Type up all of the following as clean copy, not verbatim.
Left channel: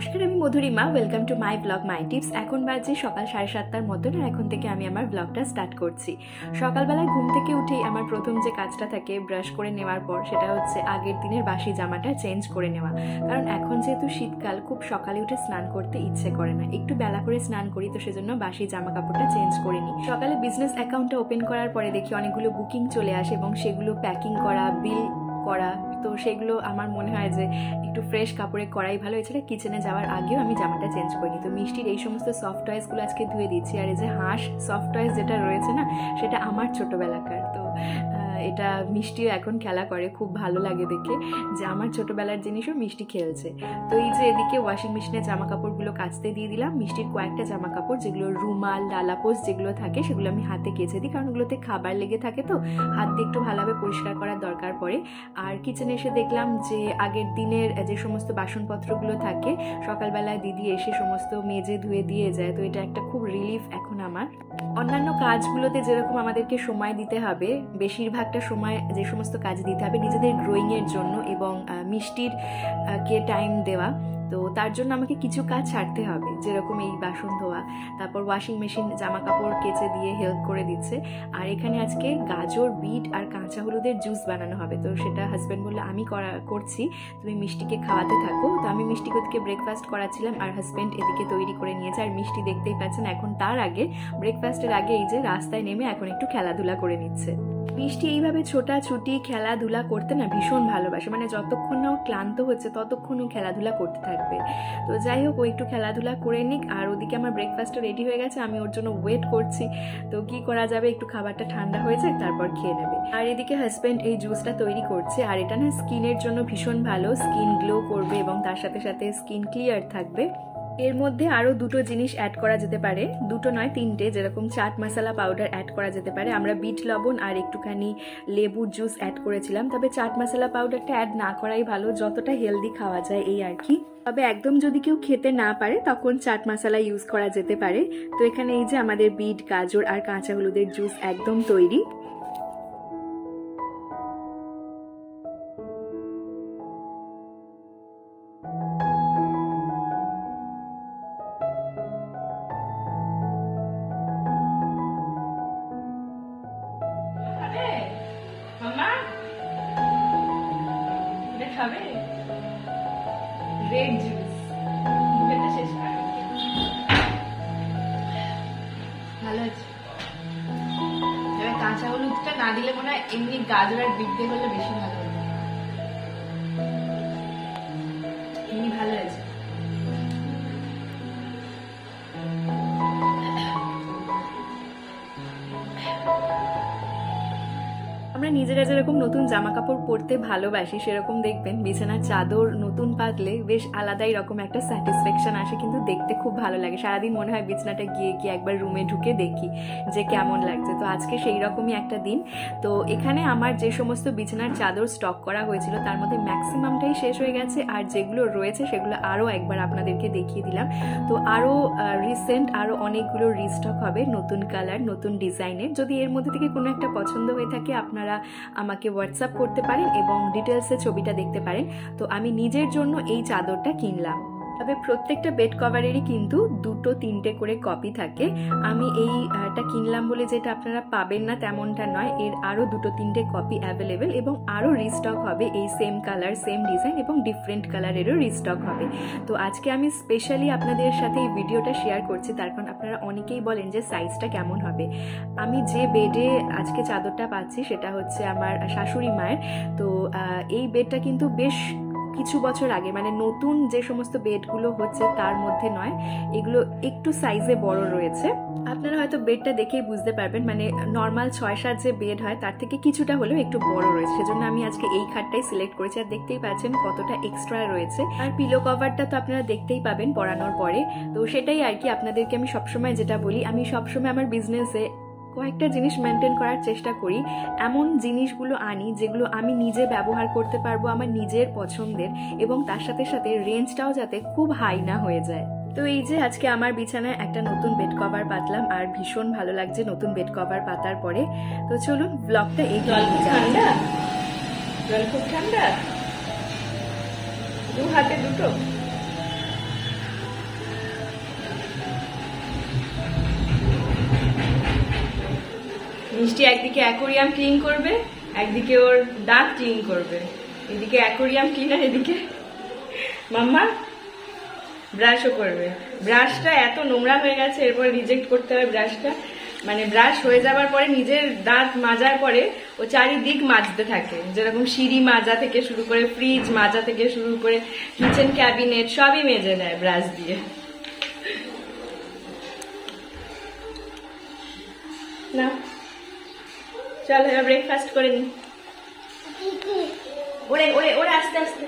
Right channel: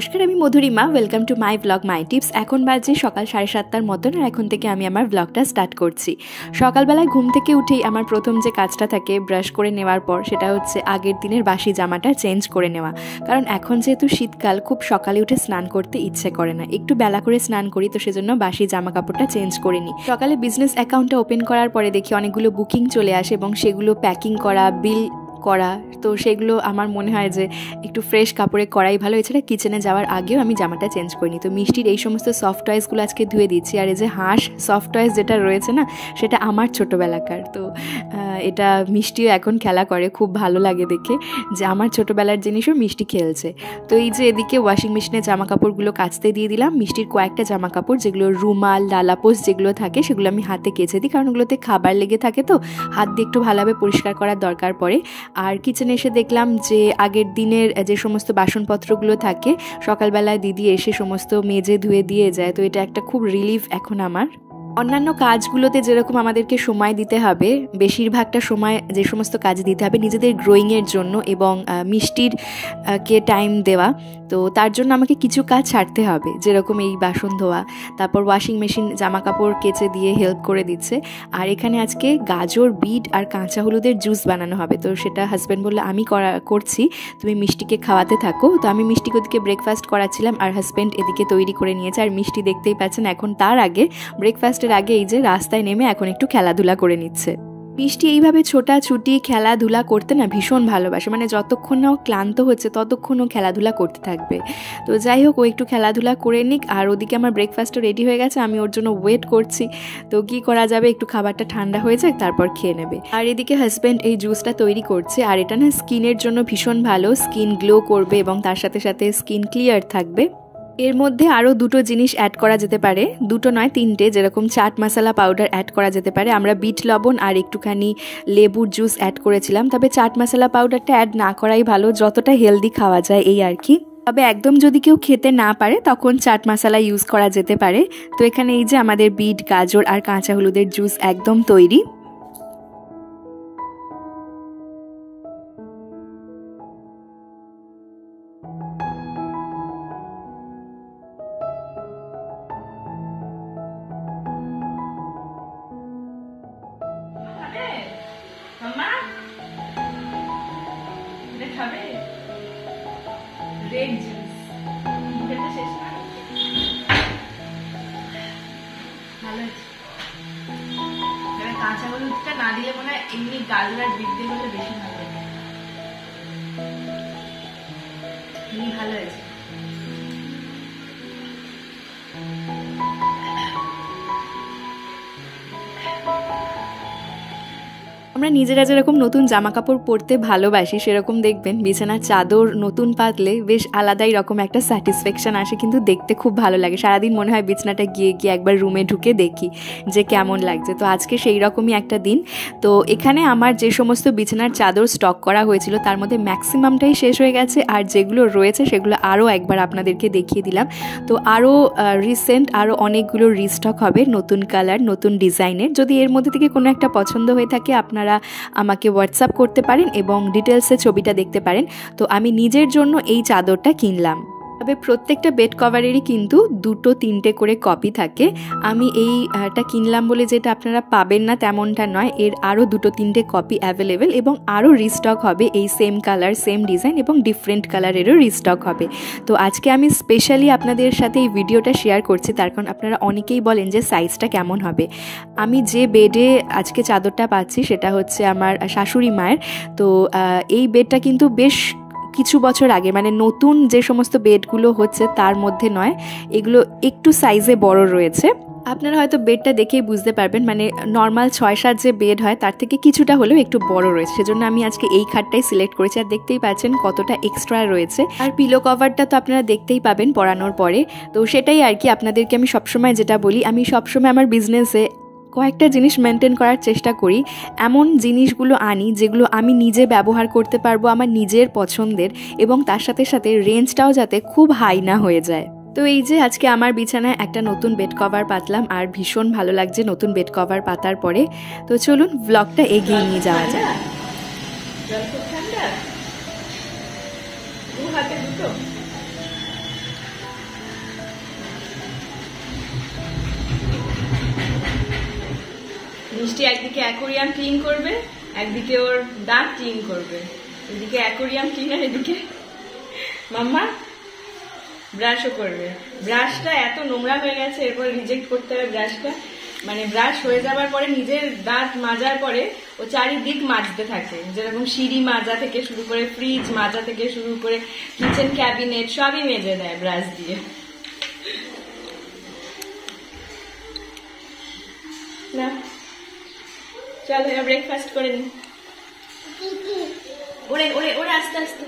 নমস্কার, আমি Madhurima. Welcome to my blog my tips. এখন বাজে সকাল 7:30টার মতন, আর এখন থেকে আমি আমার ব্লগটা স্টার্ট করছি। সকালবেলায় ঘুম থেকে উঠেই আমার প্রথম যে কাজটা থাকে ব্রাশ করে নেওয়ার পর, সেটা হচ্ছে আগের দিনের বাসি জামাটা চেঞ্জ করে নেওয়া। কারণ এখন যেহেতু শীতকাল, খুব সকালে উঠে স্নান করতে ইচ্ছে করে না, একটু বেলা করে স্নান করি, তো সেজন্য বাসি জামা কাপড়টা চেঞ্জ করে নিই। সকালে বিজনেস অ্যাকাউন্টটা ওপেন করার পরে দেখি অনেকগুলো বুকিং চলে আসে এবং সেগুলো প্যাকিং করা, বিল করা, তো সেগুলো আমার মনে হয় যে একটু ফ্রেশ কাপড়ে করাই ভালো। এছাড়া কিচেনে যাওয়ার আগেও আমি জামাটা চেঞ্জ করিনি। তো মিষ্টির এই সমস্ত সফট টয়েসগুলো আজকে ধুয়ে দিচ্ছি। আর এই যে হাঁস সফট টয়েস যেটা রয়েছে না, সেটা আমার ছোটোবেলাকার। তো এটা মিষ্টিও এখন খেলা করে, খুব ভালো লাগে দেখে যে আমার ছোটোবেলার জিনিসও মিষ্টি খেলছে। তো এই যে এদিকে ওয়াশিং মেশিনে জামা কাপড়গুলো কাচতে দিয়ে দিলাম। মিষ্টির কয়েকটা জামা কাপড়, যেগুলো রুমাল, লালাপোস যেগুলো থাকে, সেগুলো আমি হাতে কেচে দিই, কারণ ওগুলোতে খাবার লেগে থাকে, তো হাত দিয়ে একটু ভালোভাবে পরিষ্কার করার দরকার পড়ে। আর কিচেনে এসে দেখলাম যে আগের দিনের যে সমস্ত বাসনপত্রগুলো থাকে, সকালবেলায় দিদি এসে সমস্ত মেজে ধুয়ে দিয়ে যায়। তো এটা একটা খুব রিলিফ এখন আমার। অন্যান্য কাজগুলোতে যেরকম আমাদেরকে সময় দিতে হবে, বেশিরভাগটা সময় যে সমস্ত কাজ দিতে হবে নিজেদের গ্রোয়িংয়ের জন্য এবং মিষ্টির কে টাইম দেওয়া, তো তার জন্য আমাকে কিছু কাজ ছাড়তে হবে, যেরকম এই বাসন ধোয়া, তারপর ওয়াশিং মেশিন জামা কাপড় কেচে দিয়ে হেল্প করে দিচ্ছে। আর এখানে আজকে গাজর, বিট আর কাঁচা হলুদের জুস বানানো হবে। তো সেটা হাজব্যান্ড বললো আমি করছি, তুমি মিষ্টিকে খাওয়াতে থাকো। তো আমি মিষ্টিকে ওদিকে ব্রেকফাস্ট করাচ্ছিলাম আর হাজব্যান্ড এদিকে তৈরি করে নিয়েছে। আর মিষ্টি দেখতেই পাচ্ছেন এখন তার আগে, ব্রেকফাস্টের আগে এই যে রাস্তায় নেমে এখন একটু খেলাধুলা করে নিচ্ছে। মিষ্টি এইভাবে ছোটাছুটি খেলাধুলা করতে না ভীষণ ভালোবাসে, মানে যতক্ষণ না ও ক্লান্ত হচ্ছে ততক্ষণ ও খেলাধুলা করতে থাকবে। তো যাই হোক, ও একটু খেলাধুলা করে নিক। আর ওদিকে আমার ব্রেকফাস্টও রেডি হয়ে গেছে, আমি ওর জন্য ওয়েট করছি। তো কি করা যাবে, একটু খাবারটা ঠান্ডা হয়ে যাক, তারপর খেয়ে নেবে। আর এদিকে হাজব্যান্ড এই জুসটা তৈরি করছে। আর এটা না স্কিনের জন্য ভীষণ ভালো, স্কিন গ্লো করবে এবং তার সাথে সাথে স্কিন ক্লিয়ার থাকবে। এর মধ্যে আরও দুটো জিনিস অ্যাড করা যেতে পারে, দুটো নয় তিনটে, যেরকম চাট মশলা পাউডার অ্যাড করা যেতে পারে। আমরা বিট লবণ আর একটুখানি লেবুর জুস অ্যাড করেছিলাম, তবে চাট মশলা পাউডারটা অ্যাড না করাই ভালো, যতটা হেলদি খাওয়া যায় এই আর কি। তবে একদম যদি কেউ খেতে না পারে তখন চাট মশলা ইউজ করা যেতে পারে। তো এখানে এই যে আমাদের বিট, গাজর আর কাঁচা হলুদের জুস একদম তৈরি। রেড জুস শেষ না, ভালো আছে। কাঁচা হলুদটা না দিলে মনে হয় এমনি গাজর আর বিট দিয়ে করলে বেশি ভালো হবে। এমনি ভালো আছে। আমরা নিজেরা যেরকম নতুন জামা কাপড় পরতে ভালোবাসি, সেরকম দেখবেন বিছানার চাদর নতুন পাতলে বেশ আলাদাই রকম একটা স্যাটিসফ্যাকশন আসে, কিন্তু দেখতে খুব ভালো লাগে। সারাদিন মনে হয় বিছানাটা গিয়ে একবার রুমে ঢুকে দেখি যে কেমন লাগছে। তো আজকে সেই রকমই একটা দিন। তো এখানে আমার যে সমস্ত বিছানার চাদর স্টক করা হয়েছিল তার মধ্যে ম্যাক্সিমামটাই শেষ হয়ে গেছে, আর যেগুলো রয়েছে সেগুলো আরও একবার আপনাদেরকে দেখিয়ে দিলাম। তো আরও রিসেন্ট আরও অনেকগুলো রিস্টক হবে, নতুন কালার, নতুন ডিজাইনের। যদি এর মধ্যে থেকে কোনো একটা পছন্দ হয়ে থাকে আপনারা আমাকে হোয়াটসঅ্যাপ করতে পারেন এবং ডিটেলসে ছবিটা দেখতে পারেন। তো আমি নিজের জন্য এই চাদরটা কিনলাম। তবে প্রত্যেকটা বেড কভারেরই কিন্তু 2-3টে করে কপি থাকে। আমি এইটা কিনলাম বলে যেটা আপনারা পাবেন না তেমনটা নয়, এর আরও 2-3টে কপি অ্যাভেলেবেল এবং আরও রিস্টক হবে। এই সেম কালার, সেম ডিজাইন এবং ডিফারেন্ট কালারেরও রিস্টক হবে। তো আজকে আমি স্পেশালি আপনাদের সাথে এই ভিডিওটা শেয়ার করছি, তার কারণ আপনারা অনেকেই বলেন যে সাইজটা কেমন হবে। আমি যে বেডে আজকে চাদরটা পাচ্ছি সেটা হচ্ছে আমার শাশুড়ি মায়ের। তো এই বেডটা কিন্তু বেশ কিছু বছর আগে, মানে নতুন যে সমস্ত বেডগুলো হচ্ছে তার মধ্যে নয়, এগুলো একটু সাইজে বড় রয়েছে। আপনারা হয়তো বেডটা দেখেই বুঝতে পারবেন, মানে নর্মাল 6-7 যে বেড হয় তার থেকে কিছুটা হলেও একটু বড় রয়েছে। সেজন্য আমি আজকে এই খাটটাই সিলেক্ট করেছি। আর দেখতেই পাচ্ছেন কতটা এক্সট্রা রয়েছে। আর পিলো কভারটা তো আপনারা দেখতেই পাবেন পরানোর পরে। তো সেটাই আর কি, আপনাদেরকে আমি সবসময় যেটা বলি, আমি সবসময় আমার বিজনেসে কয়েকটা জিনিস মেনটেন করার চেষ্টা করি। এমন জিনিসগুলো আনি যেগুলো আমি নিজে ব্যবহার করতে পারবো, আমার নিজের পছন্দের, এবং তার সাথে সাথে রেঞ্জটাও যাতে খুব হাই না হয়ে যায়। তো এই যে আজকে আমার বিছানায় একটা নতুন বেড কভার পাতলাম, আর ভীষণ ভালো লাগছে নতুন বেড কভার পাতার পরে। তো চলুন ব্লগটা এগিয়ে নিয়ে যাওয়া যায়। জল খুব ঠান্ডা, দু হাতে দুটো মিষ্টি একদিকে অ্যাকোরিয়াম ক্লিন করবে, একদিকে ওর দাঁত ক্লিন করবে। এদিকে অ্যাকোরিয়াম ক্লিন আর এদিকে মাম্মা ব্রাশও করবে। ব্রাশটা এত নোংরা হয়ে গেছে, এরপর রিজেক্ট করতে হবে ব্রাশটা। মানে ব্রাশ হয়ে যাবার পরে নিজের দাঁত মাজার পরে ও চারিদিক মাজতে থাকে, যেরকম সিঁড়ি মাজা থেকে শুরু করে ফ্রিজ মাজা থেকে শুরু করে কিচেন ক্যাবিনেট সবই মেজে দেয় ব্রাশ দিয়ে। না চল এবার ব্রেকফাস্ট করে নি। ওরে ওরে ওরে আস্তে আস্তে।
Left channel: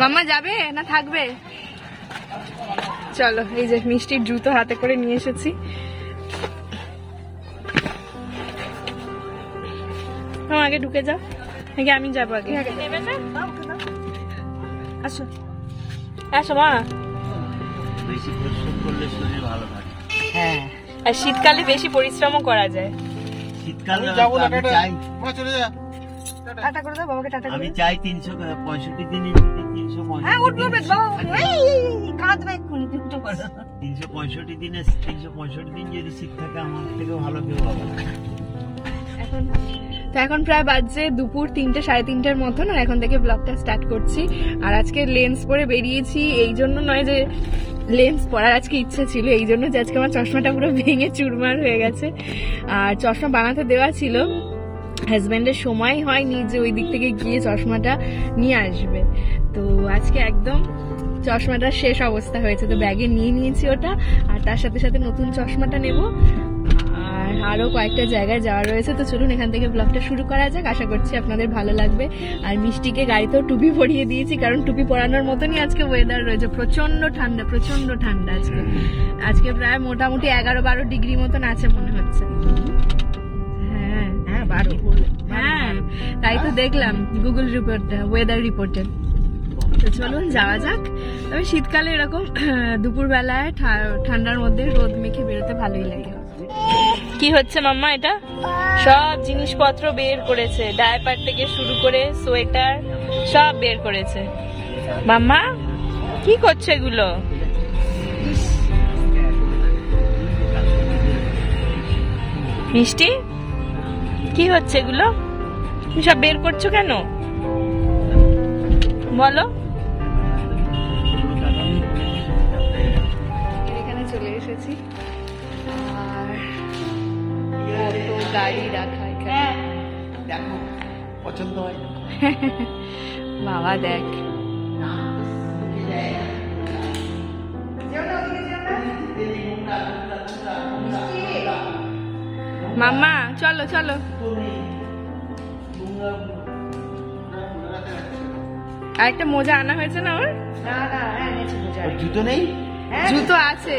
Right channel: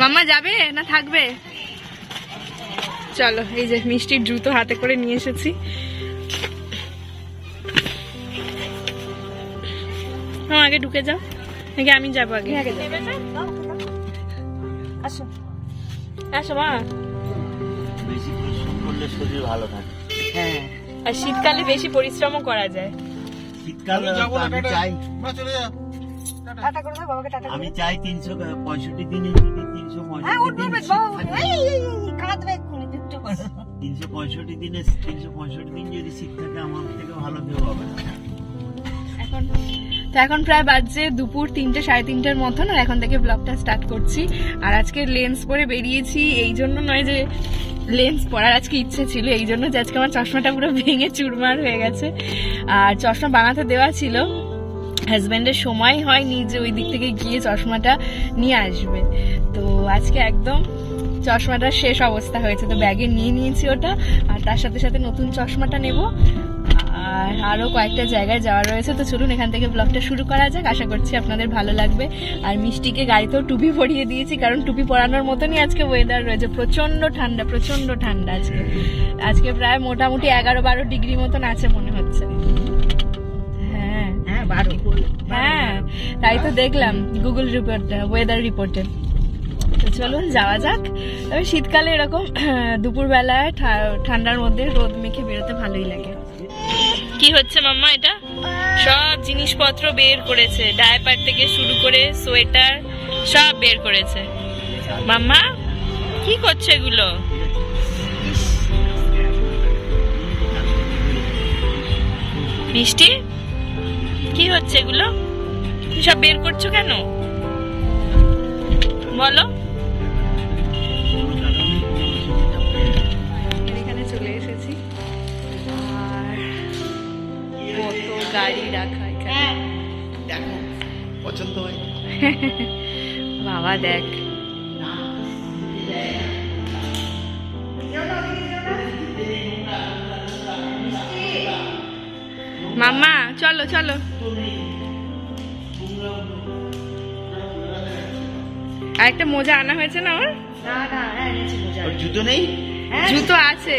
মাম্মা যাবে না থাকবে? চলো, এই যে মিষ্টির জুতো হাতে করে নিয়ে এসেছি। আগে ঢুকে যাও, নাকি আমি যাবো আগে? আসো আসো মা। হ্যাঁ, আর শীতকালে বেশি পরিশ্রমও করা যায়। শীতকালে আমি চাই 365 দিনে 365 দিনে 365 দিন যদি শীত থাকে আমার থেকে ভালো কেউ হবে। এখন প্রায় বাজছে দুপুর 3টে 3:30টার মতন, আর এখন থেকে ব্লগটা স্টার্ট করছি। আর আজকে লেন্স পরে বেরিয়েছি, এই জন্য নয় যে লেন্স পরার আজকে ইচ্ছে ছিল, এই জন্য যে আজকে আমার চশমাটা পুরো ভেঙে চুরমার হয়ে গেছে। আর চশমা বানাতে দেওয়া ছিল, হাজব্যান্ডের সময় হয়নি যে ওই দিক থেকে গিয়ে চশমাটা নিয়ে আসবে। তো আজকে একদম চশমাটা শেষ অবস্থা হয়েছে, তো ব্যাগে নিয়ে নিয়েছি ওটা। আর তার সাথে সাথে নতুন চশমাটা নেব, আর আরো কয়েকটা জায়গায় যাওয়া রয়েছে। তো চলুন এখান থেকে ব্লগটা শুরু করা যাক, আশা করছি আপনাদের ভালো লাগবে। আর মিষ্টিকে গাড়িতেও টুপি পরিয়ে দিয়েছি, কারণ টুপি পরানোর মতনই আজকে ওয়েদার রয়েছে। প্রচন্ড ঠান্ডা, প্রচন্ড ঠান্ডা আজকে প্রায় মোটামুটি 11-12 ডিগ্রি মতন আছে মনে হচ্ছে। হ্যাঁ হ্যাঁ 12, হ্যাঁ তাই তো দেখলাম গুগল রিপোর্টে, ওয়েদার রিপোর্টে। তো চলুন যাওয়া যাক। তবে শীতকালে এরকম দুপুরবেলায় ঠান্ডার মধ্যে রোদ মেখে বেরোতে ভালোই লাগে। কি হচ্ছে মাম্মা? এটা সব জিনিসপত্র বের করেছে, ডায়াপার থেকে শুরু করে সোয়েটার সব বের করেছে। মাম্মা কি করছে এগুলো? মিষ্টি কি হচ্ছে এগুলো? তুমি সব বের করছো কেন বলো? এখানে চলে এসেছি, আর কত গাড়ি রাখা এখানে। দেখো পছন্দ হয় বাবা দেখ, মাম্মা চলো চলো। আর একটা মোজা আনা হয়েছে না ওর? জুতো নেই? জুতো আছে।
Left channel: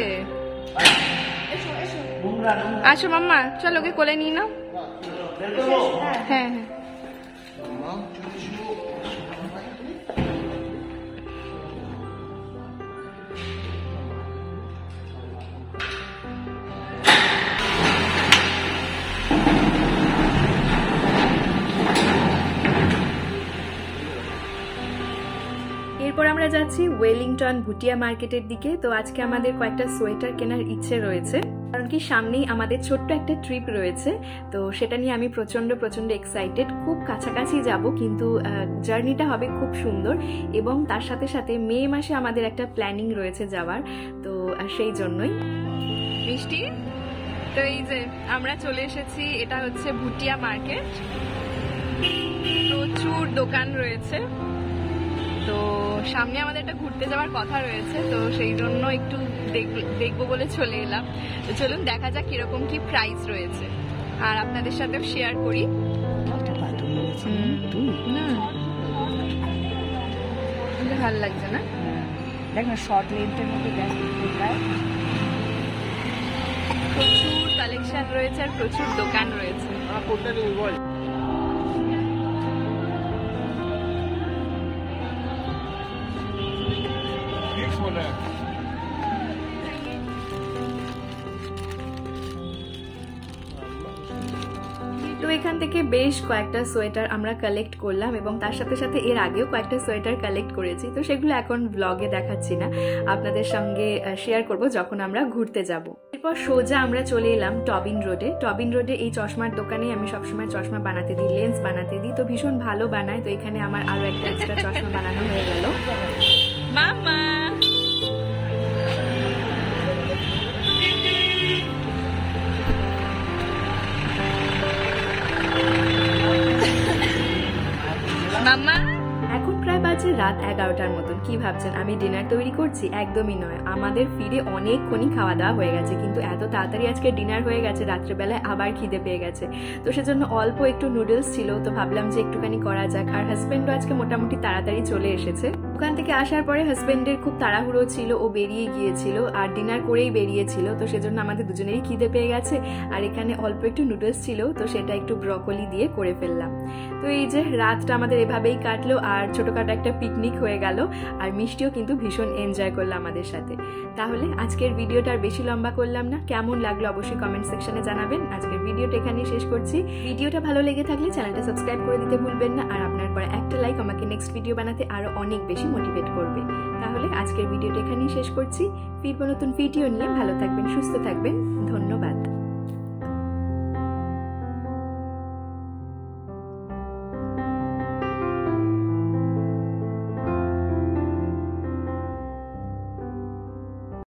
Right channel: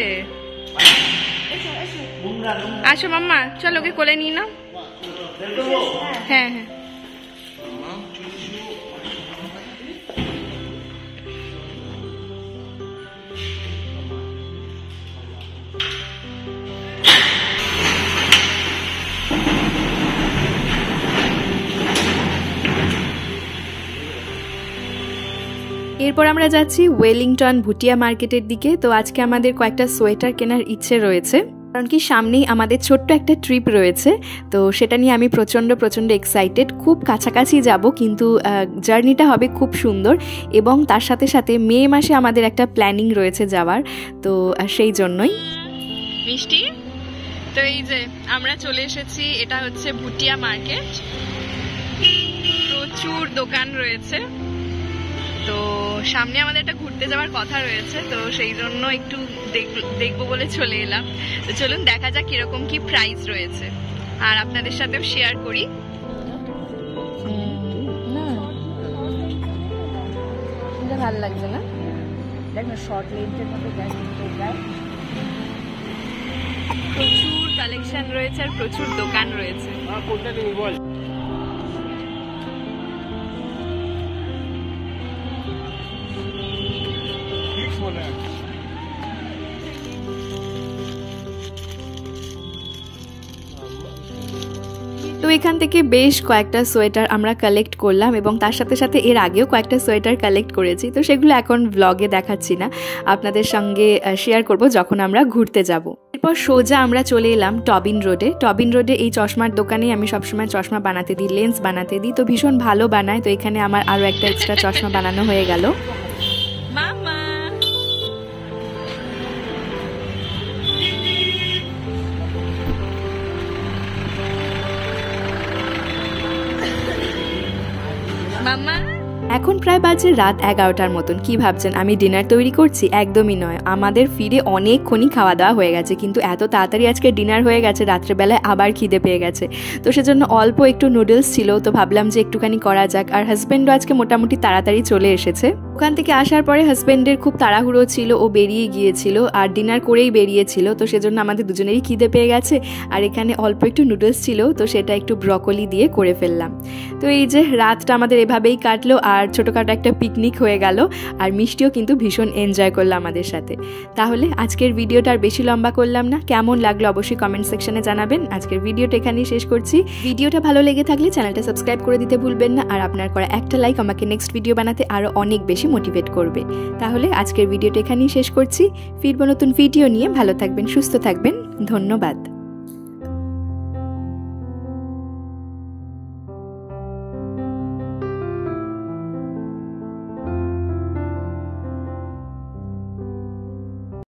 আসো মাম্মা, চলো ওকে কোলে নিয়ে নাও। হ্যাঁ হ্যাঁ এরপর আমরা যাচ্ছি ওয়েলিংটন ভুটিয়া মার্কেটের দিকে। তো আজকে আমাদের কয়েকটা সোয়েটার কেনার ইচ্ছে রয়েছে, কারণ কি সামনেই আমাদের ছোট্ট একটা ট্রিপ রয়েছে। তো সেটা নিয়ে আমি প্রচণ্ড এক্সাইটেড। খুব কাছাকাছি যাব, কিন্তু জার্নিটা হবে খুব সুন্দর। এবং তার সাথে সাথে মে মাসে আমাদের একটা প্ল্যানিং রয়েছে যাওয়ার, তো সেই জন্যই। মিষ্টি, তো এই যে আমরা চলে এসেছি, এটা হচ্ছে ভুটিয়া মার্কেট। প্রচুর দোকান রয়েছে, তো সামনে আমাদের একটা ঘুরতে যাওয়ার কথা রয়েছে, তো সেই জন্য একটু দেখবো বলে চলে এলাম। তো চলুন দেখা যাক কিরকম কি প্রাইস রয়েছে, আর আপনাদের সাথেও শেয়ার করি। না ভালো লাগছে না, প্রচুর কালেকশন রয়েছে আর প্রচুর দোকান রয়েছে। তো এখান থেকে বেশ কয়েকটা সোয়েটার আমরা কালেক্ট করলাম এবং তার সাথে সাথে এর আগেও কয়েকটা সোয়েটার কালেক্ট করেছি। তো সেগুলো এখন ব্লগে দেখাচ্ছি না, আপনাদের সঙ্গে শেয়ার করব যখন আমরা ঘুরতে যাব। এরপর সোজা আমরা চলে এলাম টবিন রোডে। এই চশমার দোকানে আমি সবসময় চশমা বানাতে দিই, লেন্স বানাতে দিই, তো ভীষণ ভালো বানায়। তো এখানে আমার আরও একটা এক্সট্রা চশমা বানানো হয়ে গেল। মামা মামা এখন প্রায় বাজে রাত 11টার মতন। কি ভাবছেন আমি ডিনার তৈরি করছি? একদমই নয়, আমাদের ফিরে অনেকক্ষণই খাওয়া দাওয়া হয়ে গেছে, কিন্তু এত তাড়াতাড়ি আজকে ডিনার হয়ে গেছে, রাত্রেবেলায় আবার খিদে পেয়ে গেছে। তো সেজন্য অল্প একটু নুডলস ছিল, তো ভাবলাম যে একটুখানি করা যাক। আর হাজব্যান্ডও আজকে মোটামুটি তাড়াতাড়ি চলে এসেছে। ওখান থেকে আসার পরে হাজব্যান্ডের খুব তাড়াহুড়ো ছিল, ও বেরিয়ে গিয়েছিল আর ডিনার করেই বেরিয়েছিল। তো সেজন্য আমাদের দুজনেরই খিদে পেয়ে গেছে। আর এখানে অল্প একটু নুডলস ছিল, তো সেটা একটু ব্রকলি দিয়ে করে ফেললাম। তো এই যে রাতটা আমাদের এভাবেই কাটলো, আর ছোটোখাটো একটা পিকনিক হয়ে গেল। আর মিষ্টিও কিন্তু ভীষণ এনজয় করলো আমাদের সাথে। তাহলে আজকের ভিডিওটা আর বেশি লম্বা করলাম না, কেমন লাগলো অবশ্যই কমেন্ট সেকশনে জানাবেন। আজকের ভিডিওটা এখানেই শেষ করছি। ভিডিওটা ভালো লেগে থাকলে চ্যানেলটা সাবস্ক্রাইব করে দিতে ভুলবেন না, আর আপনার করা একটা লাইক আমাকে নেক্সট ভিডিও বানাতে আরও অনেক বেশি মোটিভেট করবে। তাহলে আজকের ভিডিওটা এখানেই শেষ করছি, ফিরবো নতুন ভিডিও নিয়ে। ভালো থাকবেন, সুস্থ থাকবেন, ধন্যবাদ।